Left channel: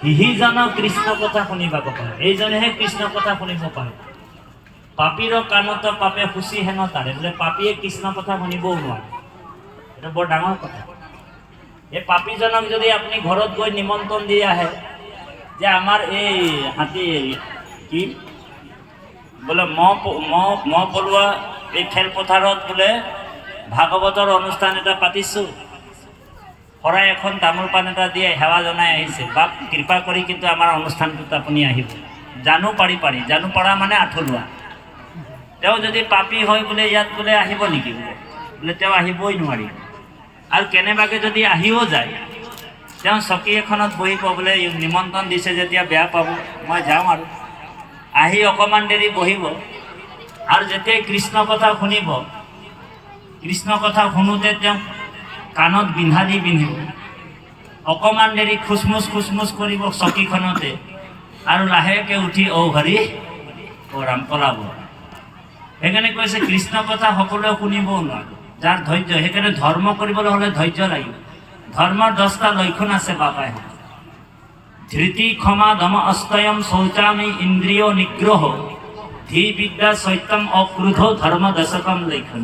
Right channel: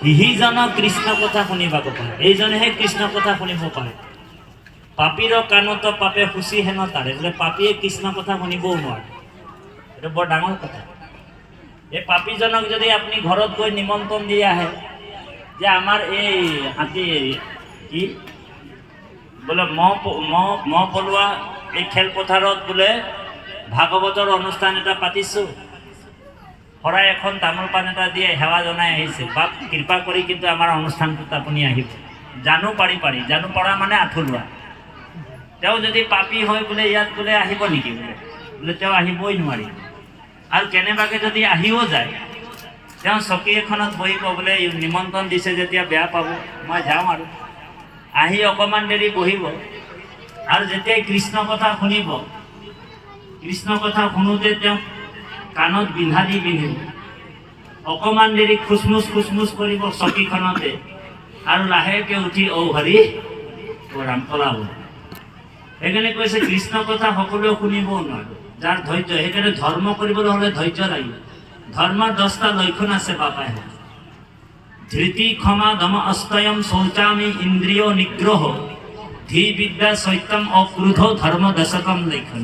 সিজন কৃষ্ণ কথা শুনিবাক পায়, এইজনেহে কৃষ্ণ কথা শুনিব পাৰে। পাপীৰ কাণত পাপে খুচি হেন তাৰে, বোলে পাপীয়ে কৃষ্ণ কথা শুনিবও নোৱাৰে। এইটো বৰ ডাঙৰ কথা। এই পাপীজনক যদি আপুনি ঘৰত গৈ নিমন্ত্ৰণ দি আহে যে আমাৰ এই হাতী কি বোলে মহ পলোৱা এই খেলপথাৰত বোলে ভাগৱতৰ অনুষ্ঠান এটা পাতিছোঁ, শৰাই এখন তামোল পাণ এটা দিয়ে সেৱা জনাই আহিছে, বাপ কৃপা কৰি কিন্তু আমাৰ অনুষ্ঠানটোত আপুনি আহিব। জানো পাৰি জানো পৰা মানে আঁঠুলোৱা। তেওঁ যদি পাপী হয় বোলে ইয়াত বোলে আহিব নেকি বোলে তেওঁ আহিবই নোৱাৰি। আৰু কেনেবাকৈ যদি আহিও যায়, তেওঁ চকী এখনত বহিব, বোলে নিমন্ত্ৰণ দিছে যেতিয়া বেয়া পাব, মই যাওঁ আৰু আহি অকণমান দেৰি বহিব। আৰু যেতিয়াই কৃষ্ণ কথা শুনিব, কৃষ্ণ কথা শুনোতে তেওঁ কাণত বিন্ধা দি পিন্ধিব, অকণমান দেৰি খুচমুচ কৰিব চকীখনতে, আৰু লাহেকৈ উঠি ঔ হৰি ঔ ৰাম পলাব। সেইকাৰণে কৈছে কৃষ্ণ কথা সকলোৱে শুনিবও নোৱাৰে, যাৰ ধৈৰ্য। সেইকাৰণে ধৰ্ম কৰিবলৈ হ'লে ধৈৰ্য লাগিব। ধৰ্মৰ 10টা লক্ষণ আছে বাপাই। ধৃতি ক্ষমা দম অস্তয়ম শৌচামি ইন্দ্ৰিয় নিগ্ৰহ ধী বিদ্যা সত্যম অক্ৰোধ ধৰ্ম দশকম লক্ষণ।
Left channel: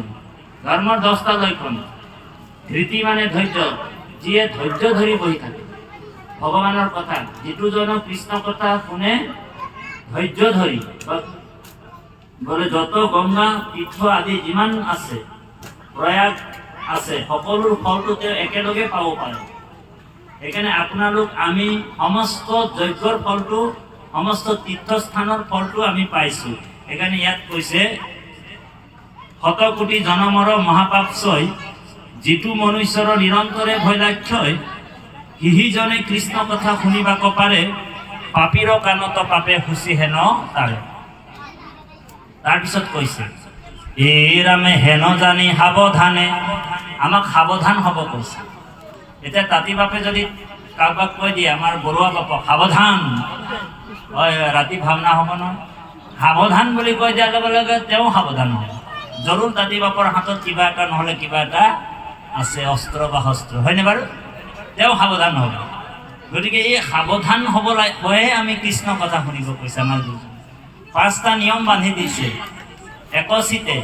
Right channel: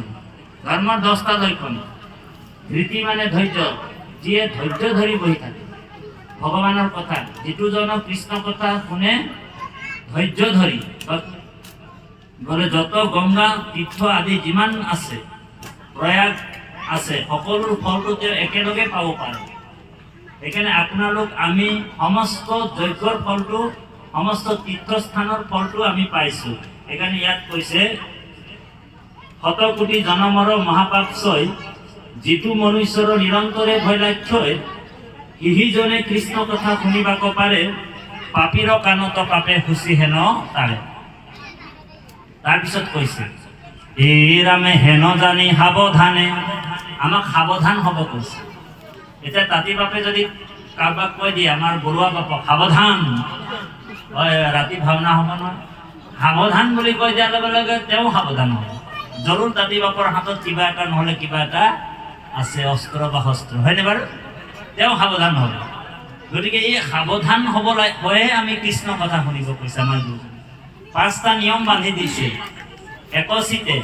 ধৰ্মৰ 10টা লক্ষণ। ধৃতি মানে ধৈৰ্য, যিয়ে ধৈৰ্য ধৰি বহি থাকে ভগৱানৰ কথা, যিটো জন কৃষ্ণ কথা শুনে ধৈৰ্য ধৰি, বোলে যত গংগা তীৰ্থ আদি যিমান আছে, প্ৰয়াগ আছে, সকলো ফলটো তেওঁ একেলগে পাব পাৰে। সেইকাৰণে আপোনালোক আমি সমস্ত যজ্ঞৰ ফলটো, সমস্ত তীৰ্থস্থানৰ ফলটো আমি পাইছোঁ। সেইকাৰণে ইয়াত কৈছে শতকোটি জনমৰ মহাপাপ ছয়, যিটো মনুষ্যৰ নিৰন্তৰে ভৈলাক্ষয়, সিজনে কৃষ্ণ কথা শুনিবাক পাৰে, পাপীৰ কাণত পাপে খুচি হেন তাৰে। তাৰপিছত কৈছে এই ৰামে হেন জানি সাৱধানে, আমাক সাৱধান হ'ব কৈছে। এতিয়া তাঁতী বাপে যদি কাৰোবাক কৈ দিয়ে, আমাৰ বৰুৱা বাপক সাৱধান, হয় ৰাতি ভাওনা হ'ব নহয়, সাৱধান বুলি কৈ দিয়াৰ লগে লগে তেওঁ সাৱধান হ'ব। জৰুৰ তাঁতী বাপৰ হাতত কিবা এটা নহ'লে কিবা এটা আছে, অস্ত্ৰ বা শস্ত্ৰ, হয়নে বাৰু? তেওঁ সাৱধান হ'ব। গতিকে এই সাৱধান হ'ব হয়ে আমি কৃষ্ণ কথা শুনিব কৈছে আমাৰ গুৰু। 5টা নিয়ম বান্ধি দিছে, একচিতে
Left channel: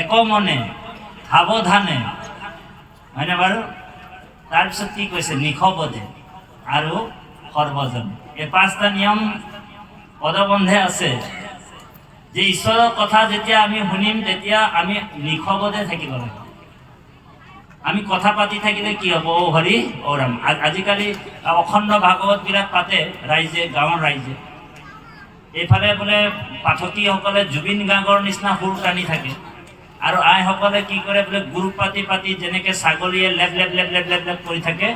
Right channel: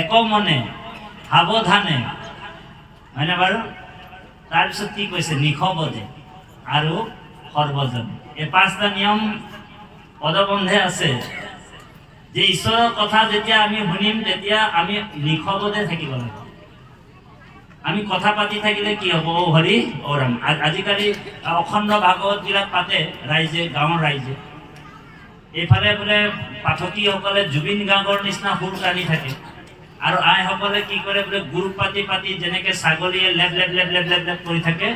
এক মনে সাৱধানে, হয়নে বাৰু? তাৰপিছত কি কৈছে নিশবদে আৰু সৰ্বজনে। এই 5টা নিয়ম পদবন্ধে আছে যে ঈশ্বৰৰ কথা যেতিয়া আমি শুনিম তেতিয়া আমি নিশবদে থাকিব লাগিব। আমি কথা পাতি থাকিলে কি হ'ব? ঔ হৰি ঔ ৰাম। আজিকালি অখণ্ড ভাগৱতবিলাক পাতে ৰাইজে, গাঁৱৰ ৰাইজে। এইফালে বোলে পাঠকীসকলে জুবিন গাৰ্গৰ নিচিনা সুৰ টানি থাকে, আৰু আইসকলে কি কৰে বোলে গুৰ পাতি যেনেকৈ ছাগলীয়ে লেপ লেপ লেপ লেপ লেপ লেপ কৰি থাকে,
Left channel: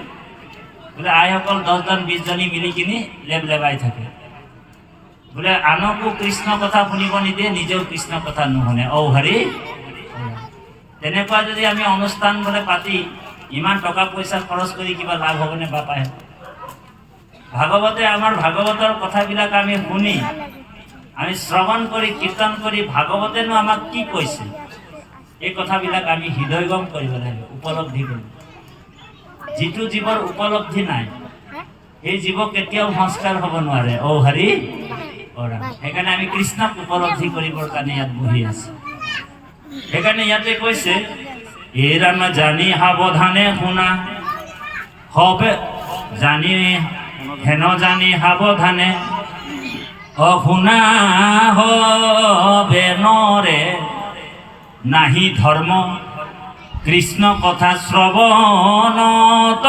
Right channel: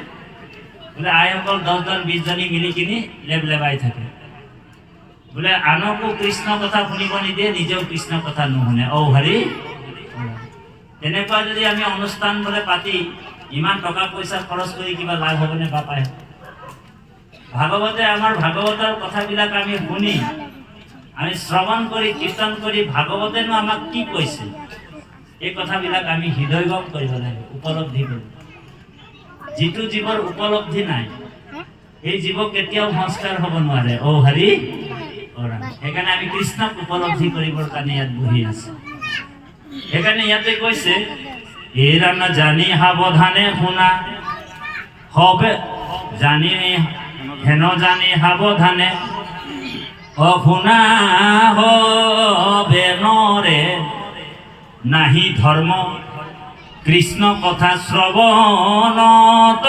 বোলে আইসকল 10জন 20জনী মিলি কিনি লেপ লেপাই থাকে। বোলে আনকো কৃষ্ণ কথা শুনিব নিদিয়ে, নিজেও কৃষ্ণ কথা নুশুনে। ঔ হৰি। তেনেকুৱা যদি আমি অনুষ্ঠান বোলে পাতি ইমান টকা পইচা খৰচ কৰি কিবা লাভ হ'বনে বাপাই? ভাগৱতে আমাৰ ভাগৱতৰ কথাবিলাক আমি শুনি, আমি শ্ৰৱণ কৰি, কীৰ্তন কৰি, ভাগৱতেনো আমাক কি কৈছে এই কথাবিলাক আমি হৃদয়গম কৰিব লাগিব, উপলব্ধি কৰিব। যিটো জীৱৰ উপলব্ধি নাই সেই জীৱ কেতিয়াও সংস্কাৰ হ'ব নোৱাৰে। ঔ হৰি ঔ ৰাম। সেইকাৰণে আমি কৃষ্ণক উপলব্ধি কৰিবৰ কাৰণে ইয়াত বহি আছো। সেইকাৰণে ইয়াতে কৈছে এই ৰাম জানি সাৱধানে শুনা, হবে জানি হেন জানি সাৱধানে, শুনা হবে নৰে নাহি ধৰ্ম, কৃষ্ণ কথা শ্ৰৱণত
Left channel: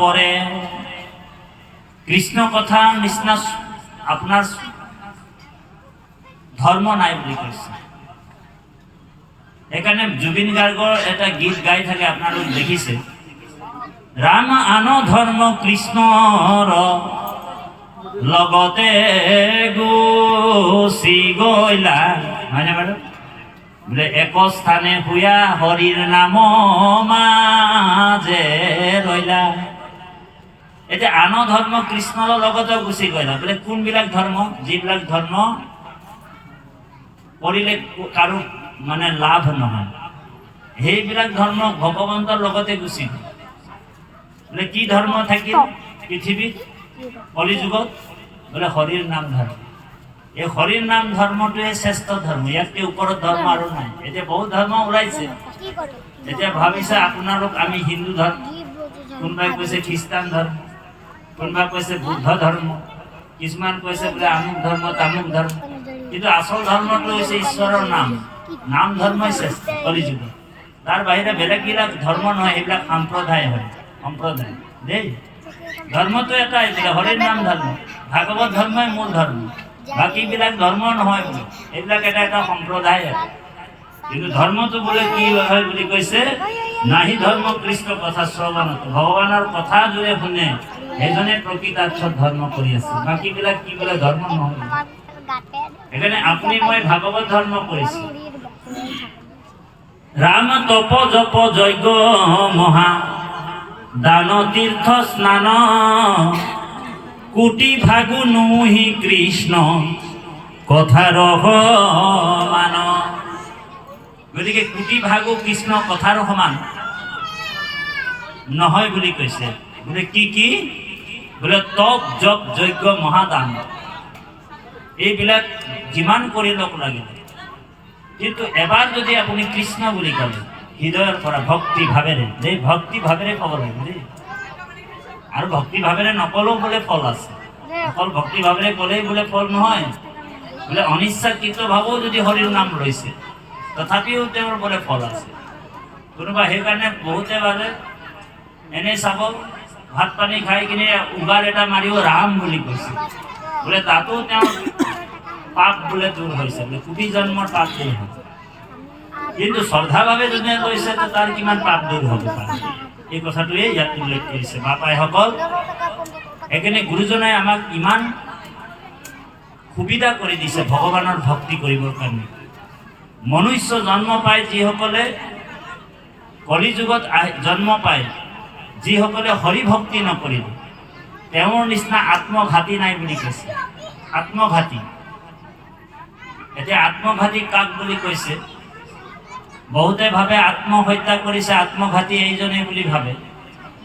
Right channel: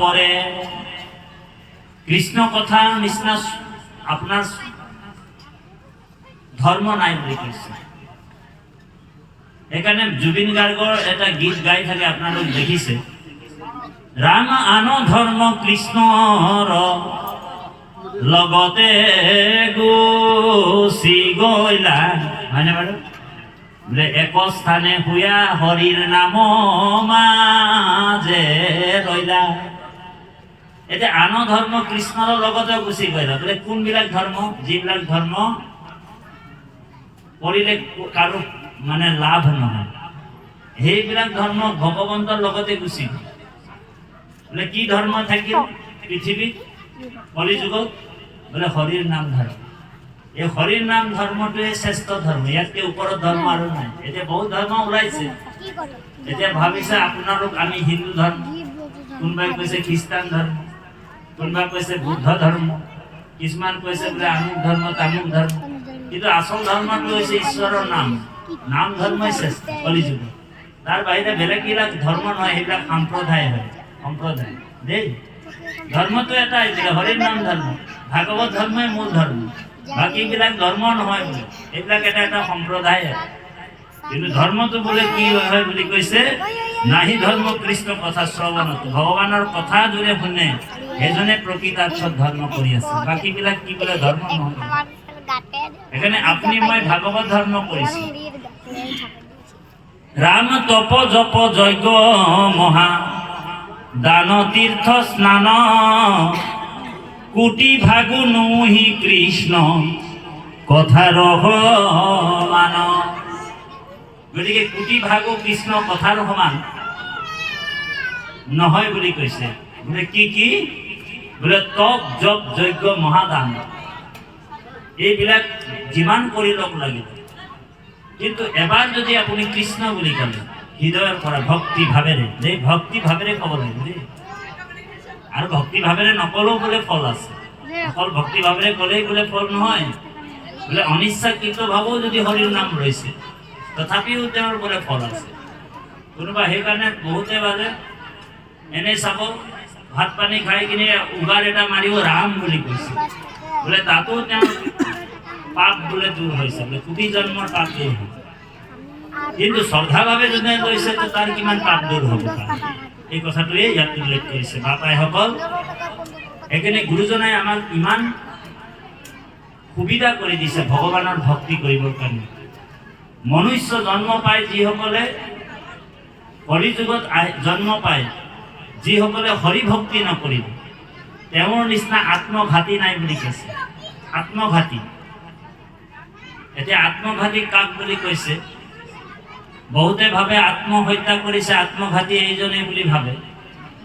পৰে। কৃষ্ণ কথা নিচিনা আপোনাৰ ধৰ্ম নাই বুলি কৈছে। সেইকাৰণে জুবিন গাৰ্গৰ এটা গীত গাই থাকে, আপোনালোক দেখিছে, ৰাম আন ধৰ্ম কৃষ্ণৰ লগতে গুচি গ'লা, হয়নে বাৰু? বোলে এক স্থানে শুয়া হৰিৰ নাম মাজে ৰৈলা। এতিয়া আন ধৰ্ম কৃষ্ণৰ লগতে গুচি গ'লা, বোলে কোনবিলাক ধৰ্ম? যিবিলাক ধৰ্ম কৰিলে কাৰো মানে লাভ নহয়, সেইবিলাক ধৰ্ম ভগৱন্তৰ লগতে গুচি গ'ল। বোলে কি ধৰ্ম থাকিল পৃথিৱীত? কলিযুগত বোলে হৰিৰ নাম ধৰ্ম। এই হৰিৰ নাম ধৰ্মটোৱে শ্ৰেষ্ঠ ধৰ্ম, ইয়াতকৈ ওপৰত ধৰ্ম আৰু নাই। এতিয়া বহুত ধৰ্ম ওলাইছে, এতিয়া ভাবিছে আপোনালোক আমি হিন্দু ধৰ্ম, কোনোবাই কৈছে খ্ৰীষ্টান ধৰ্ম, কোনোবাই কৈছে বুদ্ধ ধৰ্ম, কিছুমান কৈছে বোলে আমুক ধৰ্ম তামুক ধৰ্ম। কিন্তু আচল ধৰ্মটো হৈছে ঈশ্বৰৰ নাম, নাম ধৰ্মই শ্ৰেষ্ঠ কলিযুগত। তাৰ বাহিৰে বেলেগ বিলাক ধৰ্ম নহয়, সেইবিলাক সম্প্ৰদায় হয়, সম্প্ৰদায় দেই। ধৰ্মটো এটাই বোলে হৰিৰ নাম ধৰ্ম, ভাগৱত ধৰ্মই মূল ধৰ্ম, বাকীবিলাক ধৰ্ম নহয় বোলে, এইবিলাক এটা এটা সম্প্ৰদায়। কিন্তু ধৰ্মটো বোলে কি হয় বুলি কৈছে, নাহি ধৰ্ম কৃষ্ণ কথা শ্ৰৱণত, ভগৱানৰ কথা যোনে শুনে সেইজনে প্ৰকৃতাৰ্থত ধৰ্ম কৰি আছে, বাকীবিলাক কি বোলে ধৰ্ম নহয়। সেইকাৰণে আপুনি মই ভাগৱত ধৰ্ম কৰিছোঁ। ৰাম তপ জপ যজ্ঞ মহা দান তীৰ্থ স্নান, কোটি ভাগু নুহি কৃষ্ণ কথাৰ সমান। গতিকে কোটি ভাগু কৃষ্ণ কথাৰ সমান নহয় বুলি কৈছে। বোলে কি কি বোলে তপ জপ যজ্ঞ মহাদান, এইবিলাক যিমান কৰি লওক লাগিব, কিন্তু এবাৰ যদি আপুনি কৃষ্ণ বুলি ক'লে হৃদয়ৰ পৰা ভক্তি ভাৱেৰে, এই ভক্তি ভাৱেৰে ক'ব লাগিব দেই। আৰু ভক্তি ভাৱেৰে নকলেও বোলে ফল আছে, অকল ভক্তি ভাৱেৰে ক'লেই বোলে ফল নহয়। বোলে অনিচ্ছাকৃত ভাৱেও যদি হৰিৰ নাম লৈছে তথাপিও তেওঁৰ বোলে ফল আছে। কোনোবা সেইকাৰণে বহুতে বাৰে এনে চাব, ভাত পানী খাই কিনে উগাৰ এটা মাৰিও ৰাম বুলি কৈছে, বোলে তাতো তেওঁৰ পাপ বোলে দূৰ হৈছে, বোলে কোটি জন্মৰ পাপ দূৰ হ'ব। কিন্তু শ্ৰদ্ধাভাৱে যোনে লৈছে তো তাৰ কিমান পাপ দূৰ হ'ব, এই কথাটোৱে ইয়াত উল্লেখ কৰিছে বাপাইসকল। সেইকাৰণে গুৰুজনে আমাক ইমান সুবিধা কৰি দিছে ভগৱানৰ ভক্তি কৰিবৰ কাৰণে। মনুষ্য জন্ম পায় যিসকলে, কলিযুগত জন্ম পায় যিসকলে হৰি ভক্তি নকৰিব, তেওঁৰ নিচিনা আত্মঘাতী নাই বুলি কৈছে। আত্মঘাতী, এতিয়া আত্মঘাতী কাক বুলি কৈছে? বহুতে ভাবে আত্মহত্যা কৰিছে, আত্মঘাতী এইজনেই বুলি ভাবে,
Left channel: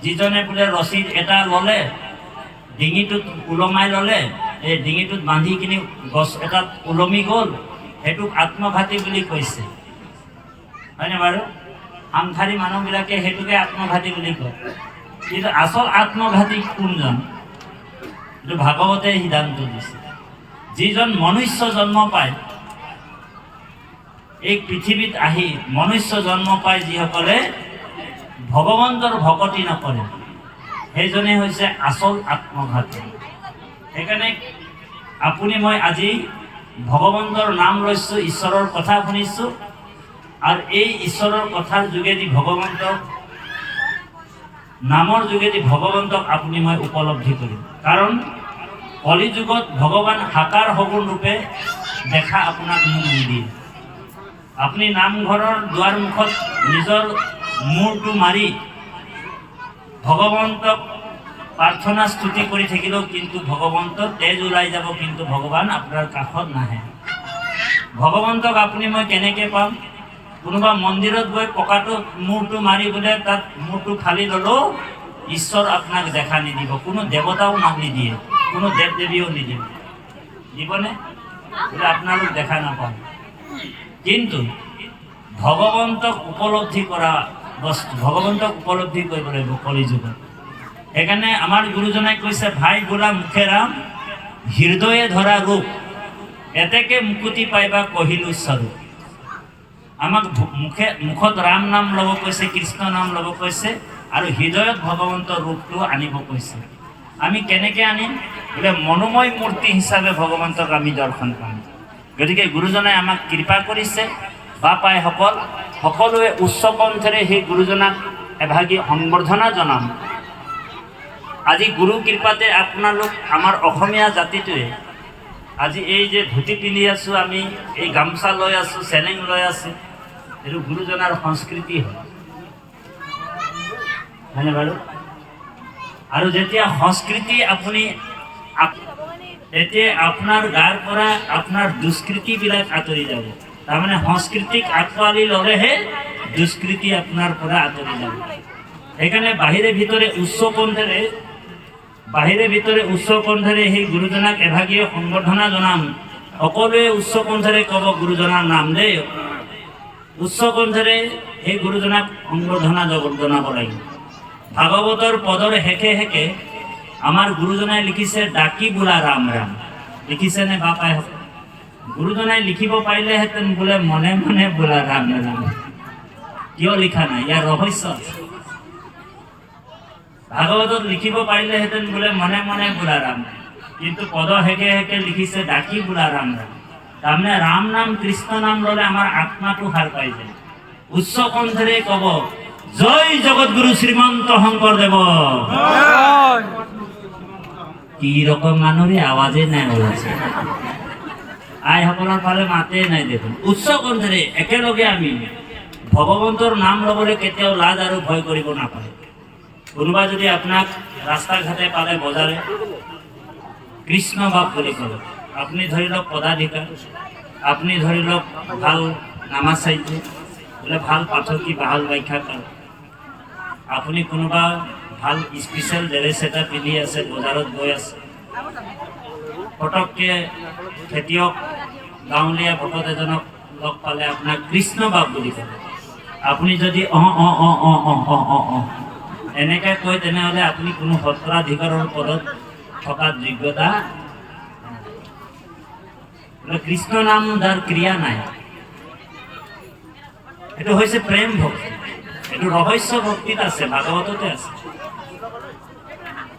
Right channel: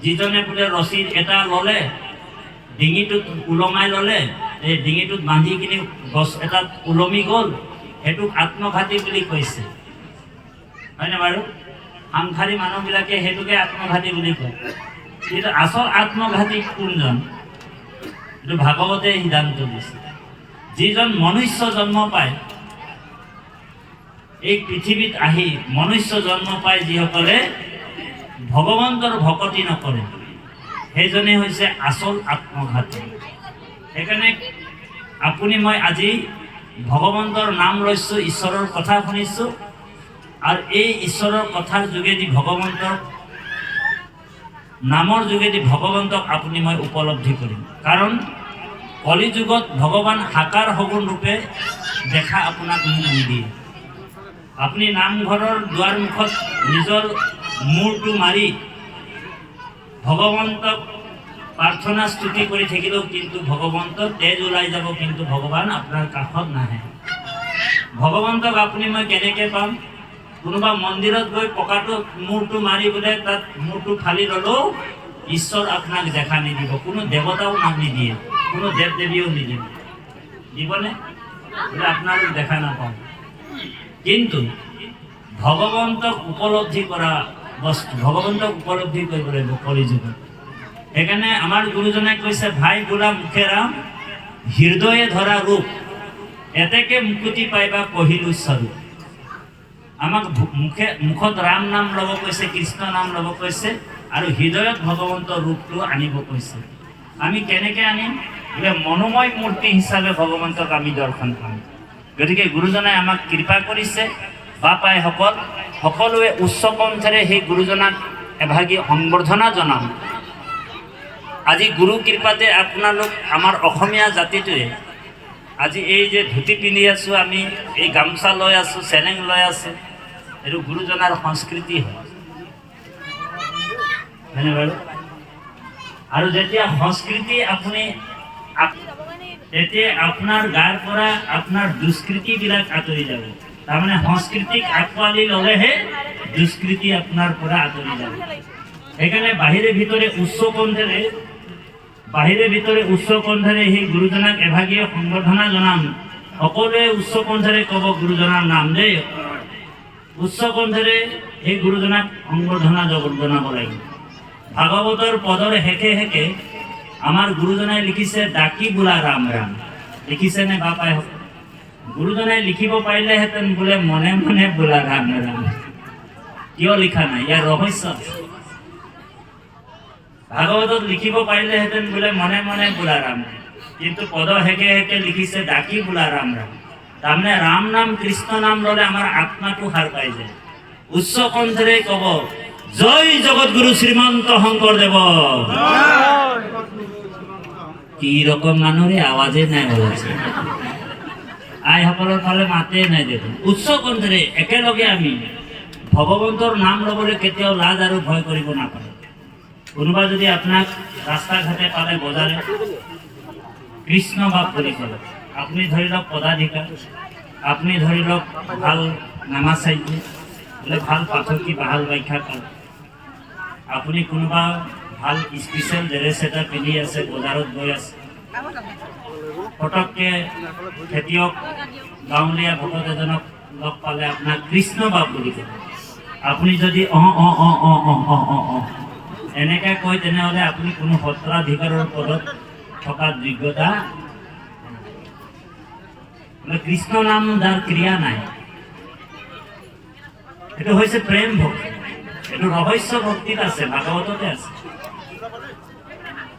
যিজনে বোলে ৰছী এটা ল'লে, ডিঙিটোত ওলমাই ল'লে, এই ডিঙিটোত বান্ধি কিনি গছ এটাত ওলমি গ'ল, সেইটোক আত্মঘাতী বুলি কৈছে, হয়নে বাৰু? সাংসাৰী মানুহবিলাকে সেইটোকে আত্মঘাতী বুলি কয়। কিন্তু আচল আত্মঘাতী কোনজন? এইটো ভাগৱতে সিদ্ধান্ত দিছে। যিজন মনুষ্য জন্ম পায়, এই পৃথিৱীত আহি মনুষ্য জন্ম পায় যিসকলে ভগৱন্তৰ ভকতি নকৰে, সেইজনে হৈছে আচল আত্মঘাতী। সেইকাৰণে আপুনি মই আজি ভগৱন্তৰ নাম লৈছোঁ, ঈশ্বৰৰ কথা শুনিছোঁ, আৰু এই ঈশ্বৰৰ কথাৰ যোগেদি ভগৱন্তক, নামৰ যোগেদি ভগৱন্তক আপুনি মই উপলব্ধি কৰিম। কাৰণ কলিযুগত ভগৱান সাকাৰ সগুণ ৰূপে দেখা আপোনাক নিদিয়ে। আপুনি নামঘৰৰ দুৱাৰ মুখত নিজৰ মূৰটো মাৰি ভগৱন্তক প্ৰাৰ্থনা স্তুতি কৰি থাকিলেও কিন্তু ভগৱন্তৰ তেজ ওলাই যাব, কিন্তু ভগৱান আপোনাৰ কাষত নাহে। ভগৱন্তক আপুনি মই কেনেকৈ পাম? কোনোবা মন্দিৰত গৈ পকাটো মূৰটো মাৰি বোলে তাত মূৰটো ফালি ল'লেও ঈশ্বৰ আপোনাক দেখা নিদিব, কোনো দেৱতাও নাম নিদিয়ে, কোনো দেৱ দেৱীও নিদিব, দিবনে? বোলে আপোনালোক দেখা নাপাওঁ। কিন্তু ভগৱন্তক উপলব্ধি কৰা বস্তু, ভগৱন্তক উপলব্ধি কৰিব লাগিব কলিযুগত। সেইকাৰণে আমাৰ গুৰুজনে কৈছে, ভাই বোলা মুখেৰাম হৃদয়ে ধৰা ৰূপ, এতেকে মুকুতি পাইবা কহিলো স্বৰূপ। আমাক মুখত ৰাম নাম ল'ব কৈছে, কৃষ্ণ নাম ল'ব কৈছে, আৰু হৃদয়ত ভগৱন্তৰ ৰূপটো আনিব কৈছে। আমি কেনেকৈ আনিম? বোলে মনোময় মূৰ্তি হিচাপে ভগৱন্তক আমি দৰ্শন পাম। গতিকে গুৰুজনাই আমাক কৃপা কৰিছে। বাপাইসকল সকলোৱে উচ্চ কণ্ঠৰে সেই গুৰুজনাক এভাগী সম্বৰ্ধনা জনাম। আজি গুৰু কৃপাতে আপোনালোক আমাৰ অসমীয়া জাতিটোৱে আজি এই যে ধুতি পিন্ধি আছোঁ, আমি এই গামোচা লৈ আছোঁ, চেলেং লৈ আছোঁ, এইটো গুৰুজনাৰ সংস্কৃতি হয়, হয়নে বাৰু? আৰু যেতিয়া সংস্কৃতি আপুনি, তেতিয়া আপোনাৰ গাৰ পৰা আপোনাৰ দুষ্কৃতিবিলাক আঁতৰি যাব। তাৰমানে সংস্কৃতিক আঁকোৱালি ল'লেহে দুষ্কৃতি আপোনাৰ পৰা আঁতৰি যাব। সেইকাৰণে বাহিৰে ভিতৰে উচ্চ কণ্ঠেৰে বাহিৰে ভিতৰে উচ্চ কণ্ঠেৰে সেই গুৰুজনাক এভাগীয়ে সম্বৰ্ধনা জনাম। সকলোৱে উচ্চ কণ্ঠেৰে ক'ব গুৰুজনাৰ নাম দেই। উচ্চ কণ্ঠেৰে সেই গুৰুজনাক সম্বৰ্ধনা জনাব লাগিব। ভাগৱতৰ পদৰ হেকে হেকে আমাৰ গুৰুজনাই লিখিছে ডাকি বোলা ৰাম ৰাম। লিখিছেনে বাপাই? গুৰুজনাই লিখিব পাৰিলেহেঁতেন বোলে মনে মনে বোলা ৰাম ৰাম। কিয় লিখা নাই? ইয়াৰ ৰহস্য আছে। ভাগৱতত লিখিব পাৰিলেহেঁতেন বোলে মনে মনে বোলা ৰাম, কিন্তু পদ হেকে হেকে লিখিছে ডাকি বোলা ৰাম ৰাম। তাৰমানে ৰাম নাম কৃষ্ণ নাম ল'লে আমাৰ আত্মাটো সাৰ পাই যায়। উচ্চ কণ্ঠেৰে ক'ব জয় জগতগুৰু শ্ৰীমন্ত শংকৰদেৱ। কি ৰকম মানুহৰে আৱাজে নাই ওলাইছে। আইসকলৰ ফালে মাতে নাই দেখোন। উচ্চ কণ্ঠেৰে একেলগে আমি ভগৱন্তৰ নাম ল'বলৈ কেতিয়াও লাজ আৰু ভয় কৰিব নাপায়। কোনোবা যদি আপোনাক ৰাস্তা ঘাটে পালে বজাৰে কৃষ্ণ বাপ বুলি ক'লে, আপুনি ধৰি লওক পদাধিকাৰ, আপুনি ধৰি লওক ভাল নামাচাৰ্য, বোলে ভাল পাঠকী ভাল ব্যাখ্যা কৰে, আপুনি কোনোবা ভাল স্পেচিয়েল ড্ৰেছ এটা পিন্ধি আছে, বজাৰত গৈ আছে, পটককৈ খেতিয়ক গাঁৱলীয়া ভকত এজনক লগ পালে আপোনাক কৃষ্ণ বাপ বুলি ক'লে, আপুনি যদি এনেকৈ কয় তেনেহ'লে আপুনি কোনো সত্ৰাধিকাৰৰ পদত থকাৰ যোগ্যতা। কৃষ্ণ নাম যাৰ ক্ৰিয়া নাই, এইটো হৈছে প্ৰেম ভক্তি। এইটো ৰহস্য ভক্তিত আছে, ভাগৱততে আছে।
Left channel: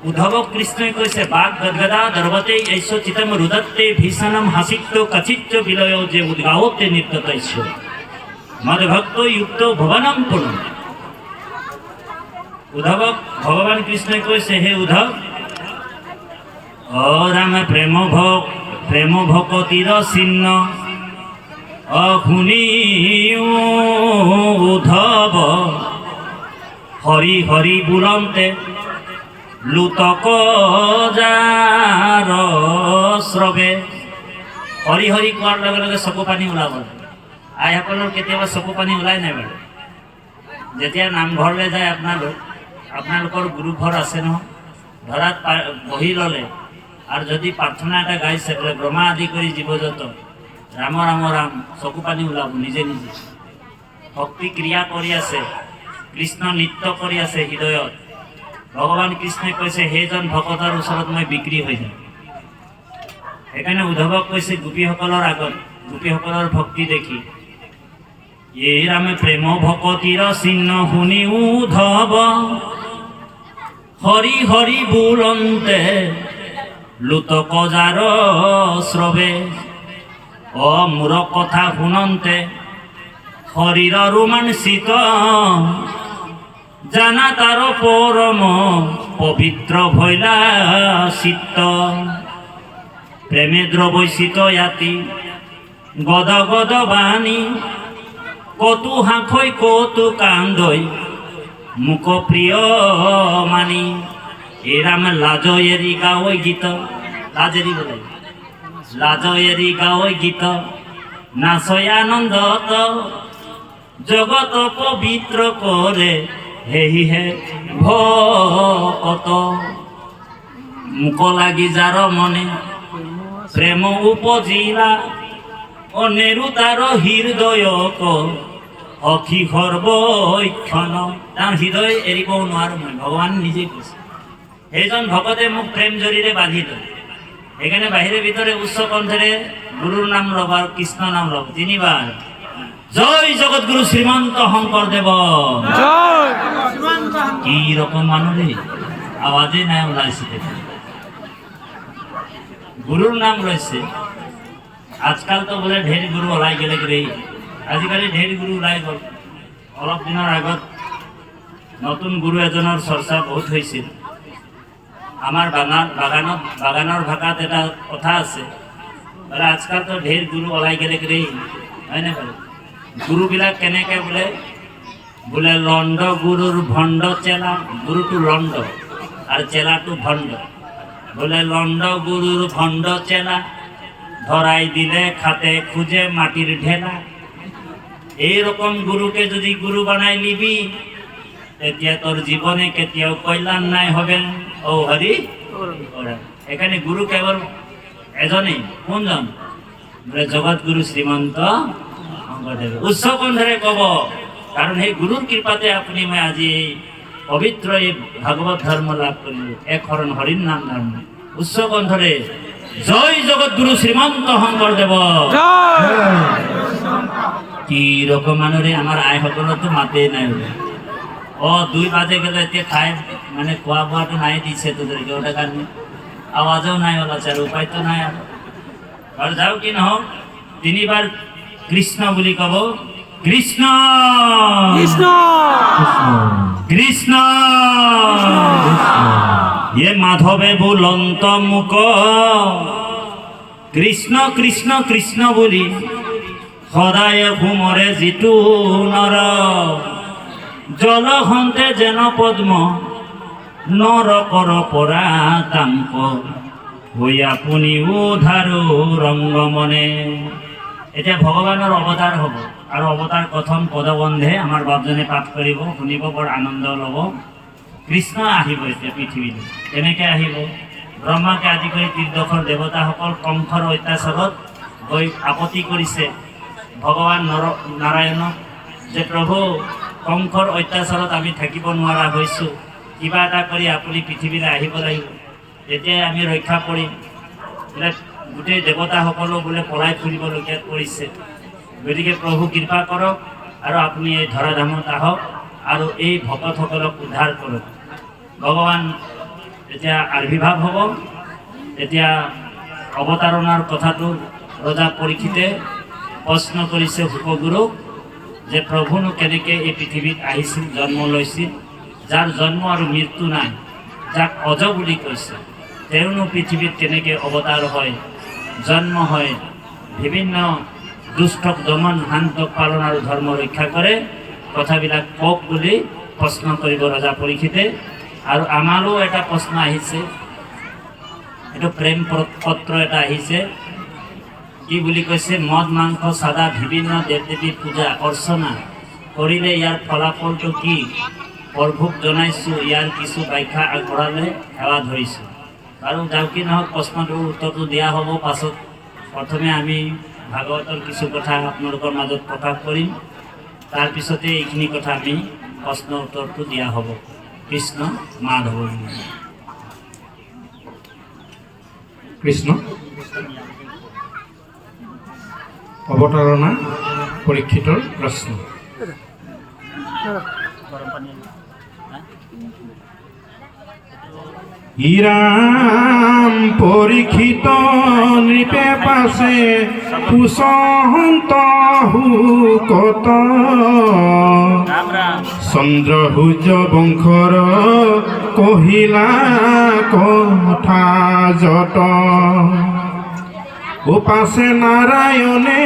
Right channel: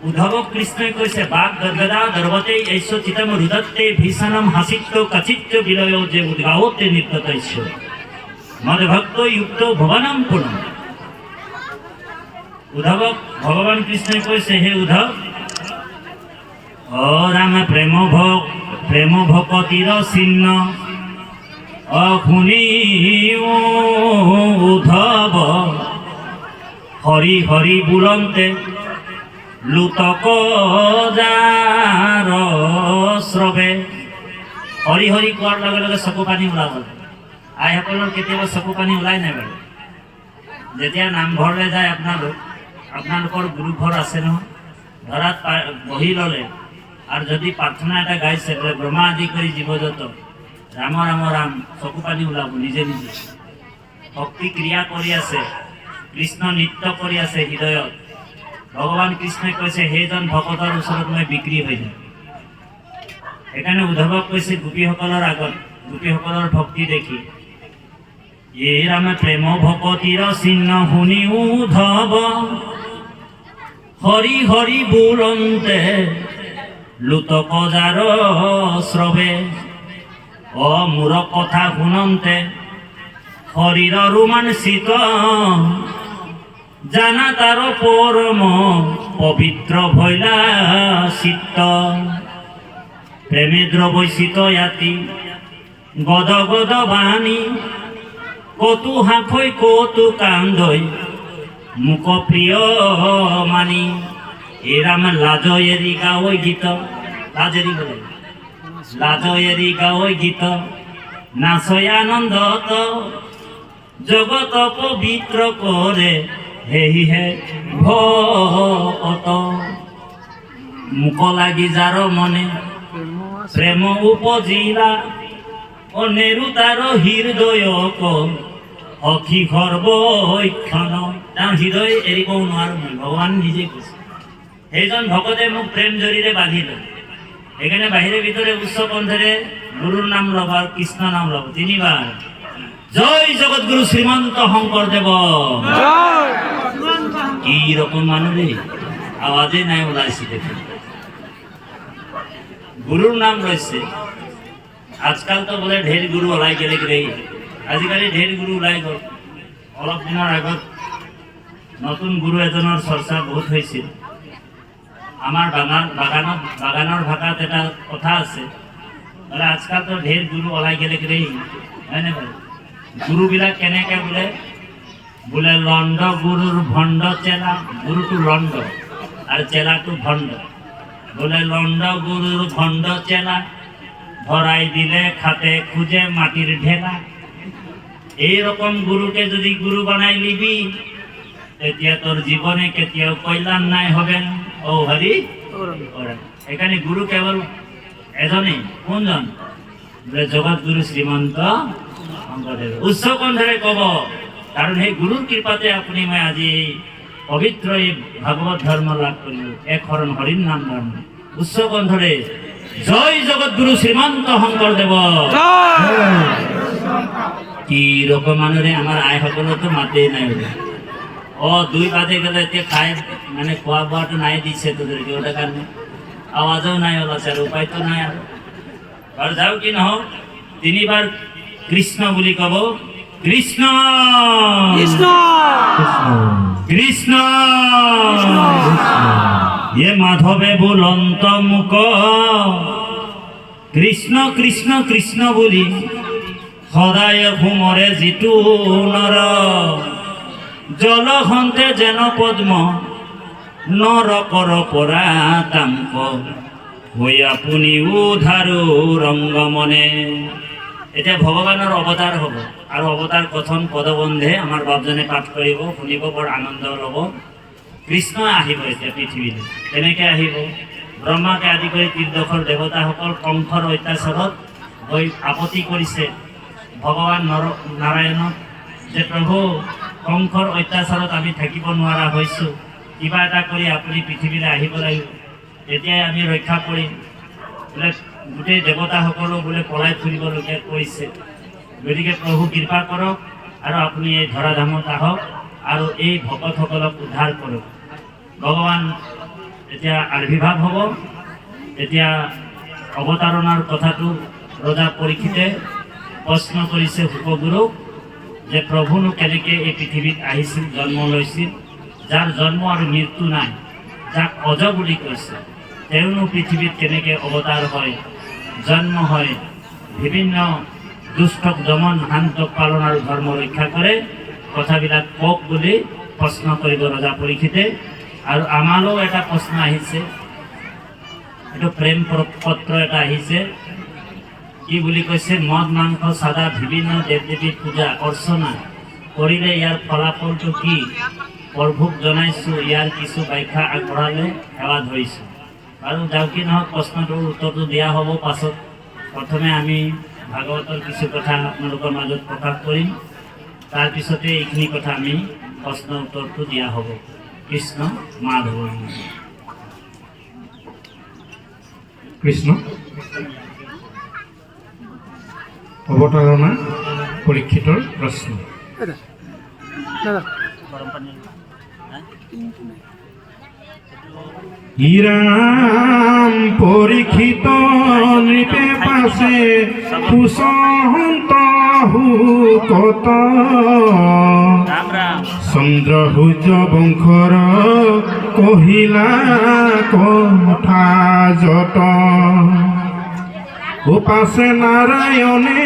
উদ্ধৱক কৃষ্ণই কৈছে বাক গদগদা দৰ্বতে ঐশ্য চিতম ৰুদত্তে ভীষণম হাসিত্য কচিত্য বিলয় যে উদ্গাওতে নিত্যতৈশ্য মদভক্ত যুক্ত ভুৱনম পূৰ্ণ। উদ্ধৱক ভগৱান কৃষ্ণই কৈছে হে উদ্ধৱ, ৰাম প্ৰেম ভকতিৰ চিহ্ন শুনি উদ্ধৱ হৰি হৰি বুলন্তে লুতক যাৰ শ্ৰৱে। হৰি হৰি কোৱাৰ লগে লগে চকু পানী ওলাব লাগে। আইসকলৰ কেতিয়াবা চকু পানী ওলাই নাই বাৰু? যেতিয়া নামঘৰলৈ যায় আপোনালোকৰ গুৰু ঘৰ আছে নহয়, ধৰাত বহি ল'লে আৰু যদি প্ৰাৰ্থনা এটা গাইছে বোলে ব্ৰহ্মা আদি কৰি জীৱজত ৰাম ৰাম ৰাম, চকু পানী ওলাব নিজে নিজে। ভক্তি ক্ৰিয়া কৰি আছে, কৃষ্ণ নৃত্য কৰি আছে হৃদয়ত। ভগৱান কৃষ্ণই কৈছে সেইজন ভকতৰ ওচৰত মই বিক্ৰী হৈ যাম। সেইকাৰণে উদ্ধৱক কৈছে গোপীসকলৰ আগত, গোপীসকলৰ ভক্তি দেখি এই ৰামে প্ৰেম ভকতিৰ চিহ্ন শুনি উদ্ধৱ হৰি হৰি বুলন্তে লুতক যাৰ শ্ৰৱে। মোৰ কথা শুনন্তে হৰিৰ ৰোমাঞ্চিত জানা তার পরম পবিত্র ভৈলা চিত্ত। প্রেমে দ্রবৈচিত ইয়াতি গদ গদ বাণী কতু হাঁফৈ কতু কান্দৈ মুখ প্রিয় মানি। এরাম লাজ এরি গাওই গীত, লাজেরি বলে লাজ এরি গাওই গীত নাচয় আনন্দত জগত পবিত্র করে হেহি হে ভকত। মুখ লাগি যার মনে প্রেম উপজিলা অনেরু তার হৃদয়ক অখি সর্বক্ষণ। তাৰ হৃদয় এৰিব নোৱাৰো মই, ভগৱান নিজে কৈছে সেইজন ভকতে মোক প্ৰেম জৰিৰে বান্ধিল। সেইকাৰণে বাহিৰে ভিতৰে উচ্চ কণ্ঠেৰে গুৰুৰ নাম ল'ব আৰু কৃষ্ণ নাম ল'ব তিনিবাৰ। জয় জগতগুৰু শ্ৰীমন্ত শংকৰদেৱ। কি রকম মানুষ আওয়াজে নাই ওলাইছে দেখুন। গুরুর নাম রয়েছে। আজকাল তো বলে ঢের গুরু ওলাই গেলে রে, আজিকালি ঢের গুরু ওলাই গল। অলপ দিনের আগত নতুন গুরু এজনের চর্চা বহুত হয়েছিল। আমার বাগানের ভাষাত এটা কথা আছে, বলে আজকাল তো ঢের গুরু ওলাই গেলে রে, হয় না? গুরুবিলাক কেনেকে বোলে লণ্ড গুৰুৰ ভণ্ড চেলা, গুৰুটো লণ্ড আৰু চেলাটো ভণ্ড। বোলে লণ্ড গুৰুৰ ভণ্ড চেলা ধৰাই দিলে খাতে খুঁজে মাটির ঢেলা। এইরকম গুরুকে যদি গুরু বানাই নিবি তেতিয়া তোর জীবনে কেতিয়াও কল্যাণ নাই হবে। ও হরি এখানে গুরু কেবল এজনেই, কোনজন? জগৎ গুরু শ্রীমন্ত শংকৰদেৱ। উচ্চ কণ্ঠৰে কব, কাৰণ সেই গুৰুৰ কৃপাতে আপুনি মই আজি পবিত্ৰ এই ভাগৱত ধৰ্ম লাভ কৰিলোঁ, এক শৰণ হৰিৰ নাম ধৰ্ম। উচ্চ কণ্ঠৰে জয় জগৎ গুৰু শ্ৰীমন্ত শংকৰদেৱ। কি ৰকম মানুহে আমাৰ আইসকলতো মাতেই নাই বোলে। 2 বাজে গেলে এতিয়া খাই মানে খোৱা বোৱাটো নাই দিছে তোদেৰকে, ওটা কাৰণে আৱাজও নাই ওলাইছে আৰু উপায়তো নাই আৰু যাও কি নহওক 3 বাৰ কৃষ্ণ বুলি কব। কৃষ্ণ কৃষ্ণ কৃষ্ণ এ মাধৱে বুলন্ত মুখ, কৃষ্ণ কৃষ্ণ কৃষ্ণ বুলি সদায় ঘুমৰে যিটো নৰ, জলহন্তে যেন পদ্ম নৰ কৰ পৰা তাংক, হৈ আপুনি উধাৰো ৰংগমনে। এতিয়া ভগৱানৰ অৱতাৰ হ'ব আৰু অৱতাৰ কথন পদবন্ধে আমাৰ বাপজনে পাঠ কৰিব, শুনিব, বৰ আনন্দ ল'ব। কৃষ্ণ আহিব এতিয়া পৃথিৱীলৈ। কেনেকৈ আহিব? ব্ৰহ্মাকে আদি কৰি তীৰ্থৰ দেৱতাসকল কংসৰ অত্যাচাৰত গৈ আপত্তি কৰিছে ভগৱান নাৰায়ণক, যে প্ৰভু কংসৰ অত্যাচাৰত আমি থাকিব নোৱাৰা হৈছোঁ, কিবা এটা কৰি আপুনি পৃথিৱীলৈ আহিব লাগিব, তেতিয়াই আমি ৰক্ষা কৰিম। বোলে গোটেই দেৱতাসকলো বোলে পলাই ফুৰিবলগীয়া কৰিছে, গতিকে প্ৰভু কৃপা কৰক আৰু আপুনি এই ধৰাধামত আহক আৰু এই ভকতসকলক উদ্ধাৰ কৰক। ভগৱান এতিয়া আবিৰ্ভাৱ হ'ব। এতিয়া অৱতাৰণাৰ কথাটো ৰজা পৰীক্ষিতে প্ৰশ্ন কৰিছে উপগুৰুক, যে প্ৰভুনো কেনেকৈ এই পৃথিৱীত আহিছিল, জন্ম লৈছিল, যাৰ জন্ম আৰু মৃত্যু নাই, যাক অজ বুলি কৈছে, তেওঁনো পৃথিৱীত কেনেকৈ অৱতাৰ হয়, জন্ম হয়, বিভিন্ন দুষ্টক দমন, শান্তক পালন আৰু ধৰ্ম ৰক্ষা কৰে, কথাবিলাক কওক বুলি প্ৰশ্ন কৰিব ৰজা পৰীক্ষিতে। আৰু আমাৰো এটা প্ৰশ্ন আহিছে, এইটো প্ৰেম পত্ৰ এটা আহিছে। কি বুলি কৈছে? মদ মাংস চাদা বিভিন্ন দেৱ দেৱীৰ পূজা অৰ্চনা কৰিলে ইয়াৰ ফলাফলটো কি? প্ৰভুক জনাইছোঁ, ইয়াৰ কিছু ব্যাখ্যা আগবঢ়ালে সেৱা ধৰিছোঁ। আৰু যাও কি নহওক প্ৰশ্নটোৰ উত্তৰটো দিয়া হ'ব পাছত। প্ৰথমে আমি ভাগৱতৰ কিছু কথা আপোনালোকৰ মাজত প্ৰকাশ কৰিম, তাৰপিছতে এইখিনি কথা আমি প্ৰশ্ন উত্তৰটো দিয়া হ'ব। কৃষ্ণ মাধৱ। কৃষ্ণ অৱতাৰণা পৰীক্ষিতৰ প্ৰশ্ন। ইৰাম পৰীক্ষিত নৃপে পাছে কুশন্ত হুকত, চন্দ্ৰ সূৰ্য বংশৰ কহিলা কথা যত, উপাসে নারায়ণে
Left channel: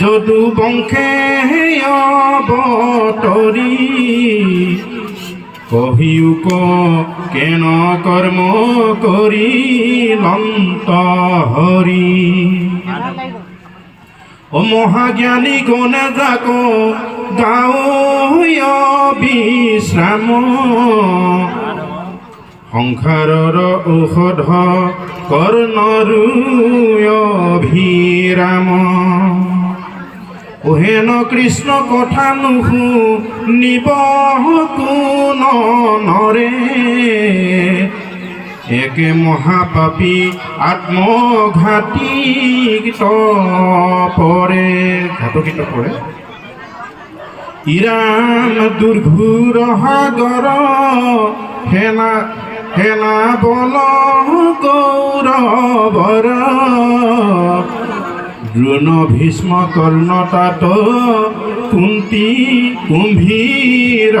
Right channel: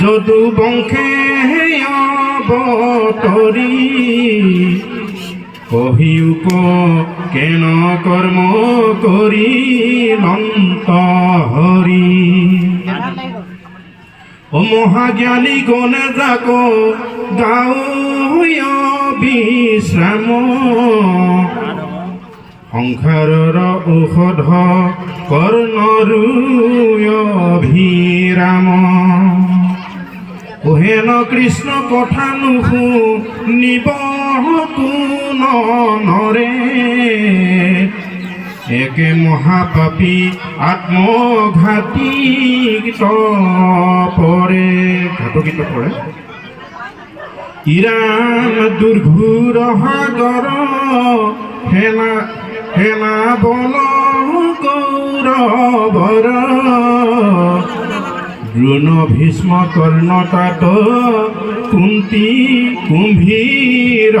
যদু বংশে অবতরি, কহিউক কেন কর্ম করি অন্ত হরি। ও মহাজ্ঞানী গণে যাক গাও বিশ্রাম, সংসাৰৰ ঔষধ কৰ্ণৰু অভিৰাম। ওহেন কৃষ্ণ কথা নুশু নিব কোন নৰে, একে মহাপাপী আত্মঘাতী পৰে, ঘাতকীত পৰে। ইৰাম দুৰ্ঘুৰ সাগৰ হেলা হেলা বল কৌৰৱৰ, দ্ৰোণ ভীষ্ম কৰ্ণ তাত কুন্তি কুম্ভীৰ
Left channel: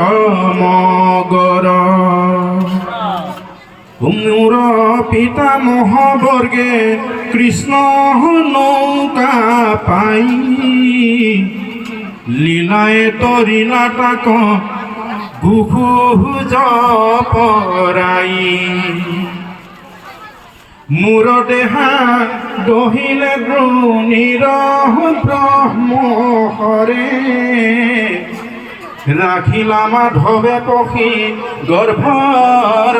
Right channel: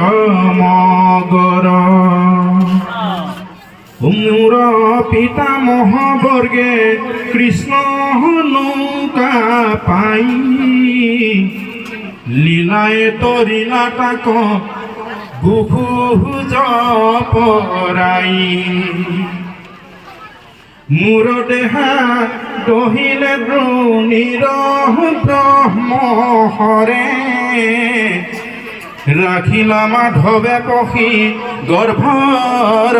মগৰ। মোৰ পিতামহবৰ্গে কৃষ্ণ নৌকা পাই, লীলায়ে তৰিলা তাক বুভুজ পৰাই। মোৰ দেহা দহিলে দ্ৰোণীৰ ব্ৰহ্ম হৰে, ৰাখিলা মাধবে পখি গৰ্ভৰ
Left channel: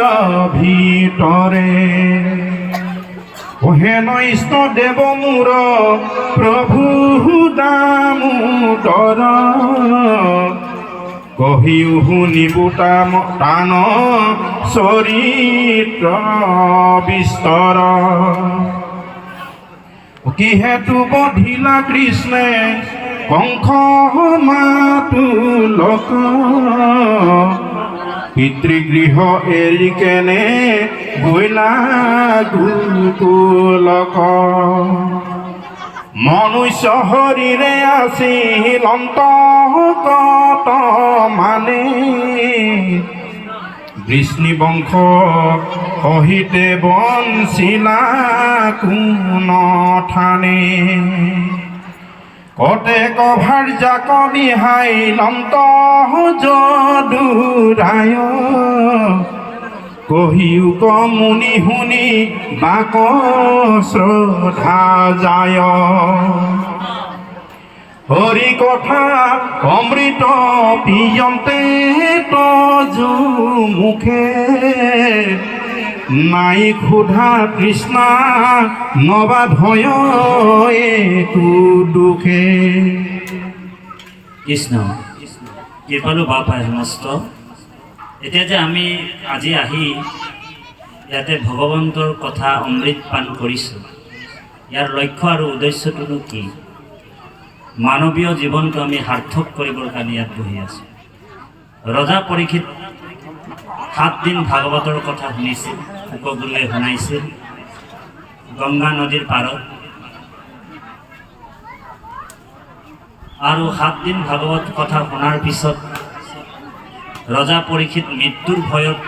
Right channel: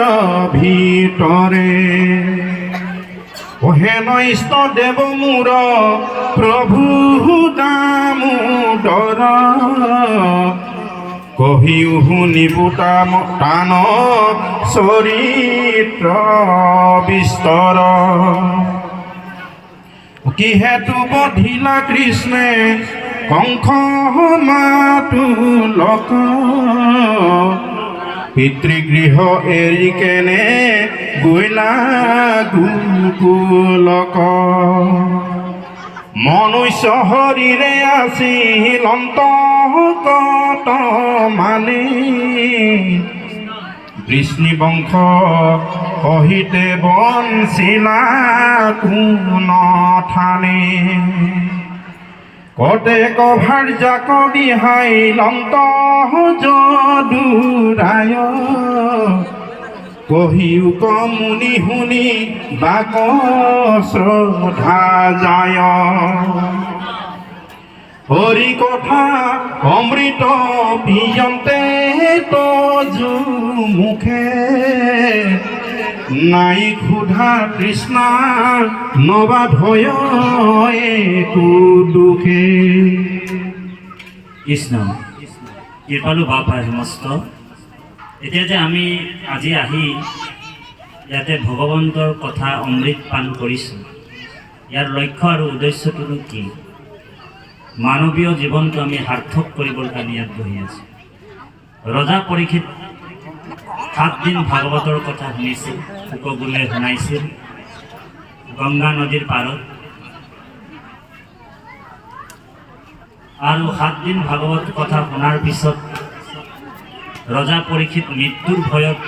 ভিতৰে হেন ইষ্ট দেব মূৰ প্ৰভু দামোদৰ কহিও শুনিবু টান চৰিত্ৰ বিস্তৰ কিহেতু বধিলা কৃষ্ণে কংস মাতুলক পিতৃগৃহ এৰি কেনে গৈলা গুকুলক মনুষ্য শৰীৰে আছিল অন্তৰ্গত মানে বৃষ্ণি বংশ সহিতে বঞ্চিলা কোন থানে কতেক ভাৰ্যাক বিহাইল যদুৰায় কহিও কমুনি শুনি বাক শ্ৰদ্ধা যায় হৰি কথা অমৃত পিয়ন্তে তজু মুখে নাই ক্ষুধা তৃষ্ণা নবাধয় একো দুখে কৃষ্ণ কৃপালু বাপা হিমস্ত এতিয়া যে আমি আজি আহি ইয়াতে ভগৱন্তৰ কথা অমৃত পান কৰিছোঁ ইয়াৰ লক্ষ্য আৰু উদ্দেশ্যটোনো কি মানৱীয় জীৱনটো আমি সাৰ্থক কৰিবৰ কাৰণে ইয়াত বহি আছোঁ ৰজা পৰীক্ষিত 7 দিন ভাগৱতৰ কথা শুনিছিল শুকগুৰুৱে শুনাইছিল গংগা নদীৰ পাৰত আৰু 7 দিন ভাগৱত কথা শুনাৰ পিছত ৰজা পৰীক্ষিত মৃত্যুৰ ভয়ত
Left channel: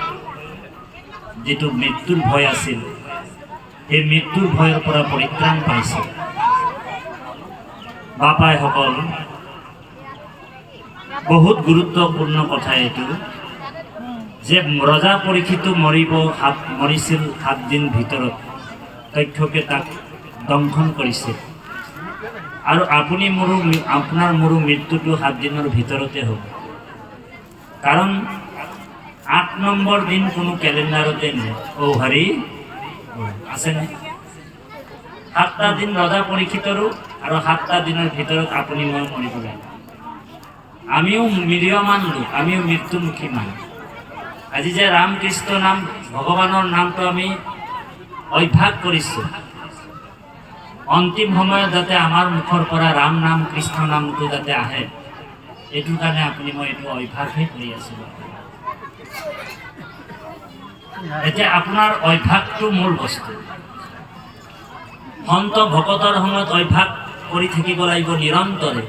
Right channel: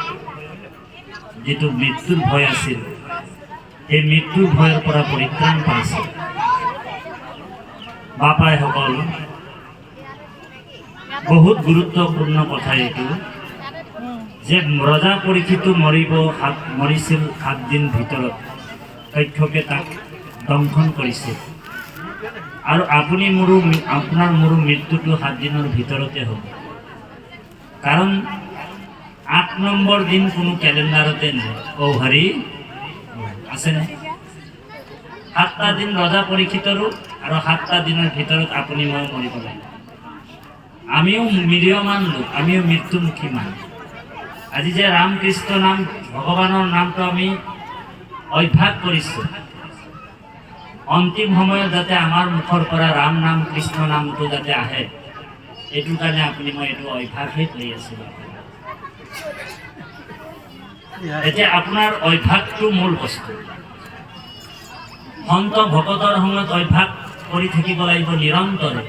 যিটো মৃত্যুৰ ভয় আছিল এই মৃত্যুৰ ভয়ৰ পৰা পৰিত্ৰাণ পাইছিল বাপাইসকল বহুত গুৰুত্বপূৰ্ণ কথা এইটো যে ৰজা পৰীক্ষিত মৰিছিল 7 দিন ভিতৰত তথ্যকে তাক দংশন কৰিছিল আৰু আপোনাৰ মোৰো মৃত্যুটো 7 দিনৰ ভিতৰতে হ'ব কাৰণ 8 নম্বৰ দিন কোনো ক্যালেন্ডাৰতে নাই হৰি আছে না 7টা দিন ৰজা পৰীক্ষিতৰো আৰু 7টা দিনৰ ভিতৰত আপুনি মই মৰিব লাগিব আমিও মিৰিয়মান লোক আমিও মৃত্যুমুখী মানুহ আজি যে ৰামকৃষ্ণ নাম ভগৱানৰ নামটো আমি অভ্যাস কৰিছোঁ অন্তিম সময়ত যাতে আমাৰ মুখৰ পৰা ৰাম নাম কৃষ্ণ নামটো যাতে আহে এইটোৰ কাৰণে আপুনি মই এইটো অভ্যাসহে কৰি আছোঁ এতিয়া আপোনাৰ অভ্যাসটো মূল বস্তু সন্ত ভকতৰ সময়ত অভ্যাস কৰি থাকিব লাগিব নিৰন্তৰে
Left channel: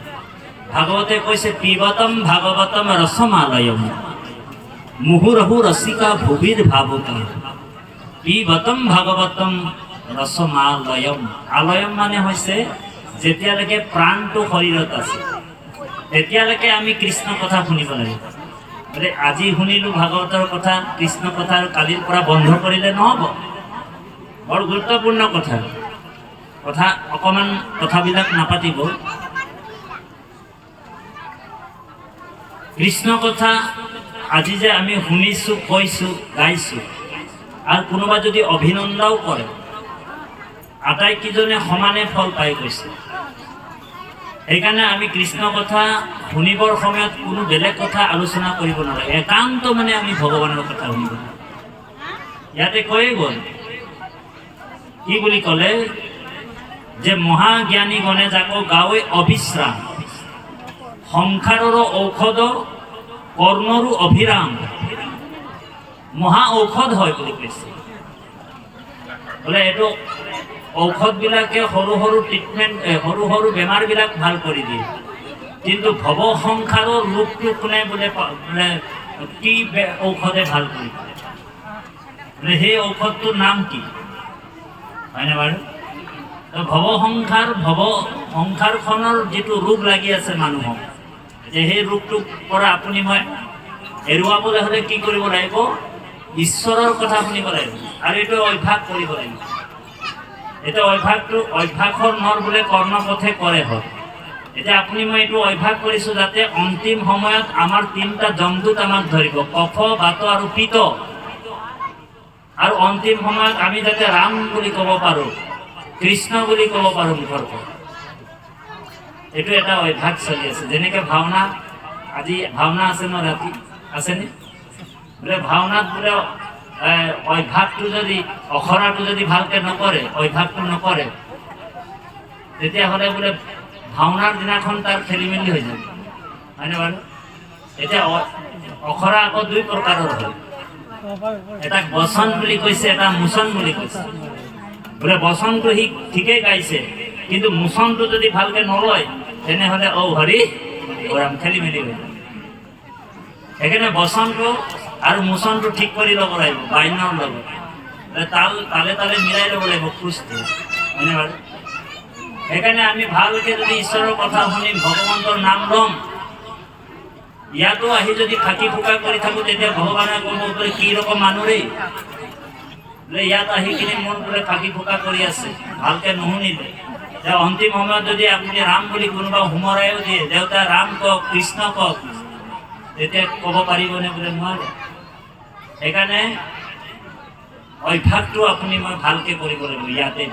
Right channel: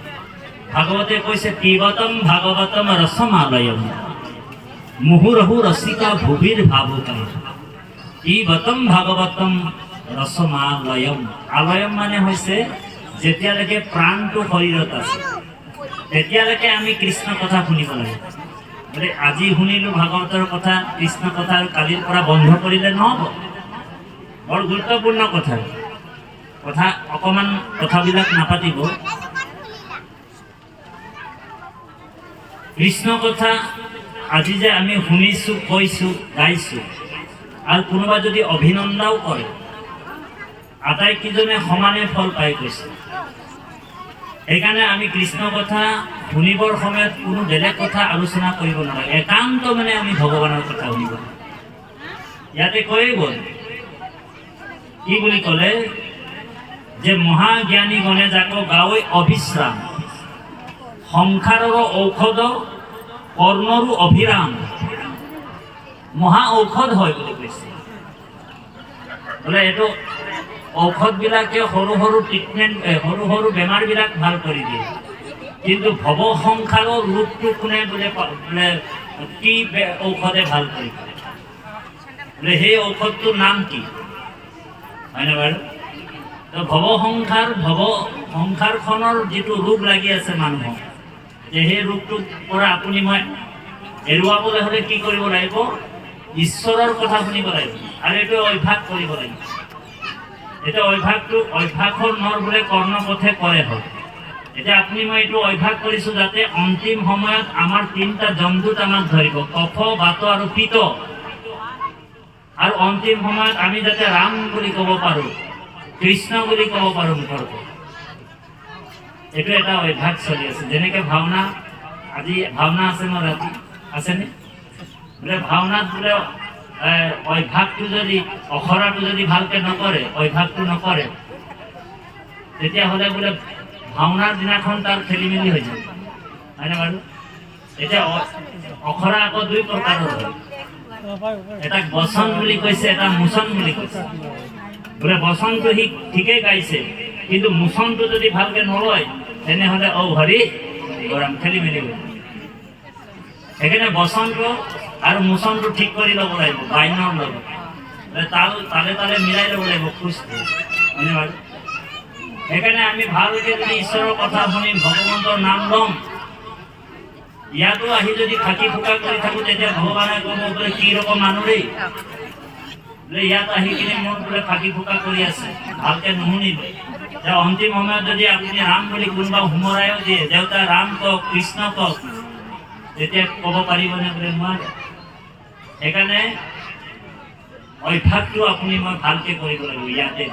ভাগৱতে কৈছে পিবতম ভাগৱতম ৰসমালয়ম মুহুৰহু ৰসিকা ভুবিৰ ভাবুকায় পিবতম ভাগৱতম ৰসমালয়ম আলয়ম মানে হৈছে যেতিয়ালৈকে প্ৰাণটো শৰীৰত আছে তেতিয়ালৈকে আমি কৃষ্ণ কথা শুনিব লাগিব বোলে আজি শুনিলোঁ ভাগৱতৰ কথা কৃষ্ণ কথা আৰু কালিৰ পৰা বন্ধ কৰিলে নহ'ব বৰ গুৰুত্বপূৰ্ণ কথা অকণমান কথাবিলাক নাপাতিব কৃষ্ণ কথা আজি যে আমি শুনিছোঁ কৈছোঁ গাইছোঁ আৰু কোনোবা যদি অভিনন্দনও কৰে আটাইকেইজনে সমানে ফল পাই গৈছে সেইকাৰণে আমি কৃষ্ণ কথা শুনিবৰ সময়ত কোনো বেলেগ কথা আলোচনা কৰিব নালাগে একান্ত মানে আমি ভগৱানৰ কথা শুনিব ইয়াতে কৈয়ে গ'ল কি বুলি ক'লে যে মহাজ্ঞানীগণে যাকো গাৱে অবিশ্ৰাম সংসাৰৰ ঔষধ কৰ্ণৰো অভিৰাম মহা ঔষধ হয় বুলি কৈছে বোলে এইটো ঔষধবিলাকে সৰু সৰু ট্ৰিটমেণ্ট সৰু সৰু বেমাৰবিলাক ভাল কৰি দিয়ে কিন্তু ভৱ সংসাৰৰ ৰোগটো কোনে বোলে কি ঔষধে ভাল কৰি দিয়ে বোলে সেই ঔষধটোৰ নাম কি হয়নে বাৰু ভৱ সংসাৰখনৰ যিটো ৰোগ লাগি আছে মানুহক যে সেই ৰোগটোৰ পৰা আপুনি মই এৰুৱাবলৈ হ'লে কি কৰিব লাগিব ঈশ্বৰৰ কথা শুনিব লাগিব আৰু এইটো অভ্যাস কৰিব লাগিব এইটো অভ্যাসৰ নৰ বোলে কৰ্ণপথে কৰে হয় এতিয়া আপুনি মই এইটো অভ্যাস কৰিছোঁ যাতে অন্তিম সময়ত আমাৰ তিনিটা জমদূত আমাক ধৰিব, কফ, বাত আৰু পিত্ত। আৰু অন্তিম সময়ত আমি যাতে ৰাম বুলি ক'ব পাৰোঁ, কৃষ্ণ বুলি ক'ব পাৰোঁ মুখৰ পৰা। এইটো এটা অভ্যাস চলি আছে। যেনেকৈ ভাওনা, আজি ভাওনা আছে ন, ৰাতি আছেনে? বোলে ভাওনাত বোলে অভ্যাসটো যদি, অখৰাটো যদি ভালকৈ নকৰে, অভ্যাসটো নকৰে, তেতিয়াহ'লে বোলে ভাওনাৰ দিনাখন তাৰ খেলি মেলি হৈ যাব, হয়নে বাৰু? এতিয়া অখৰা আকৌ দুই প্ৰকাৰৰ হয়। এটা বচন বুলি কৈছে, এটা মোচন বুলি কৈছে। বোলে বচনটো সি ঠিকেই গাইছে, কিন্তু মোচনটো যদি ভালকৈ নলয়, তেনেহ'লে হৰি ৰাম খেলি মেলি হৈ যায়। সেইকাৰণে বচনটো আৰু মোচনটো ঠিক কৰি ল'ব লাগিব, বাইনৰ লগত তালে তালে মিলাই ল'ব লাগিব খোজটো, হয়নে বাৰু? সেইকাৰণে আমি ভালকৈ যদি ঈশ্বৰৰ কথা শুনি ভগৱন্তৰ নাম ল'ম, ইয়াতো আহি যদি ফাঁকি ফুকা কৰি থাকোঁ, তেতিয়া ভগৱানে ক'ব বোলে কি ৰকম মানুহ দেই, বোলে ইয়াত আহি কিনে মোৰ বোলে ফাঁকি ফুকা কৰি আছে, ভালকৈ নুশুনিলে। এতিয়া অন্তিম সময়ত যদি আপুনি ৰাম বুলি কোনোবা সোমৰায়ো দিয়ে, দেউতা ৰাম কওক, কৃষ্ণ কওক, তেতিয়া ক'ব পাৰিবনে? বোলে নোৱাৰে। সেইকাৰণে অভ্যাসটো আপুনি মই ভালকৈ কৰিব লাগিব ইয়াতে।